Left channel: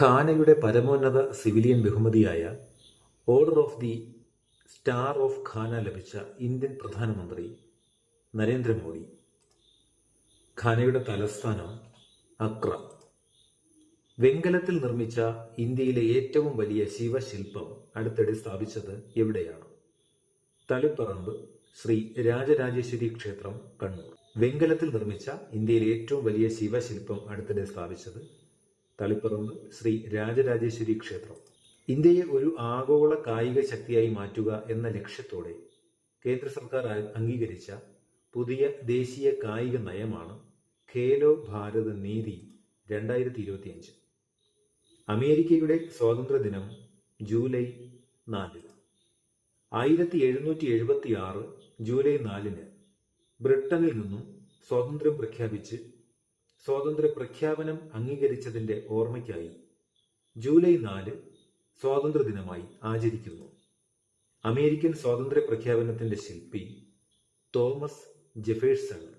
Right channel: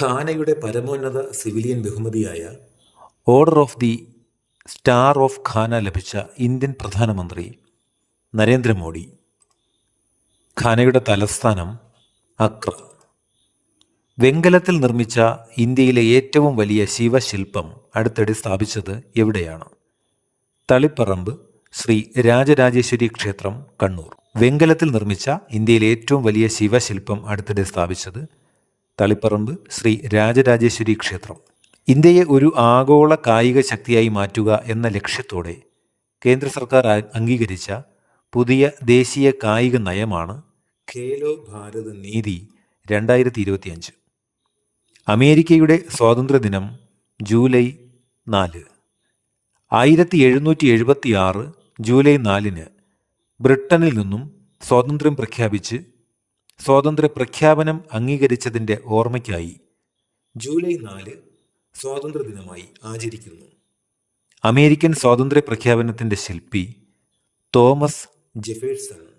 ഘാനയുടെ പരമോന്നത സിവിലിയൻ ബഹുമതിയായ order of the star of Ghana ലഭിച്ച ഇന്ത്യൻ പ്രധാനമന്ത്രി നരേന്ദ്രമോദി. ഘാനയുടെ തലസ്ഥാനം അക്ര. വെങ്കലത്തിൽ നിർമ്മിച്ച ഇന്ത്യയിലെ ഏറ്റവും വലിയ ശിവശില്പം അടുത്തിടെ സ്ഥാപിച്ചത് എവിടെയാണ്? തളിപ്പറമ്പ് ശ്രീ രാജരാജേശ്വരി ക്ഷേത്രം, കണ്ണൂർ. വെങ്കലത്തിൽ നിർമ്മിച്ച ഇന്ത്യയിലെ ഏറ്റവും വലിയ ശിവശില്പം അടുത്തിടെ സ്ഥാപിച്ചത് തളിപ്പറമ്പ് ശ്രീ രാജരാജേശ്വരി ക്ഷേത്രം. ഇന്ത്യയെ ഒരു ആഗോള കായിക ശക്തിയായി മാറ്റുക എന്ന ലക്ഷ്യത്തോടെ കേന്ദ്ര സർക്കാർ അംഗീകരിച്ച പുതിയ ദേശീയ കായിക നയമാണ് ഖേലോ ഭാരത് നീതി 2025. അമേരിക്കയുടെ സ്വാതന്ത്ര്യദിനം ജൂലൈ 4. 1776 ജൂലൈ 4 ബ്രിട്ടനിൽ നിന്നും സ്വാതന്ത്ര്യം പ്രഖ്യാപിച്ച് സ്വാതന്ത്ര്യ പ്രഖ്യാപനം അംഗീകരിച്ചതിൻ്റെ ഓർമ്മയ്ക്കായി ജൂലൈ 4 സ്വാതന്ത്ര്യദിനമായി ആചരിക്കുന്നു. അമേരിക്കൻ സ്വാതന്ത്ര്യ പ്രഖ്യാപനത്തിൻ്റെ ശില്പി തോമസ് ജെഫേഴ്സൺ.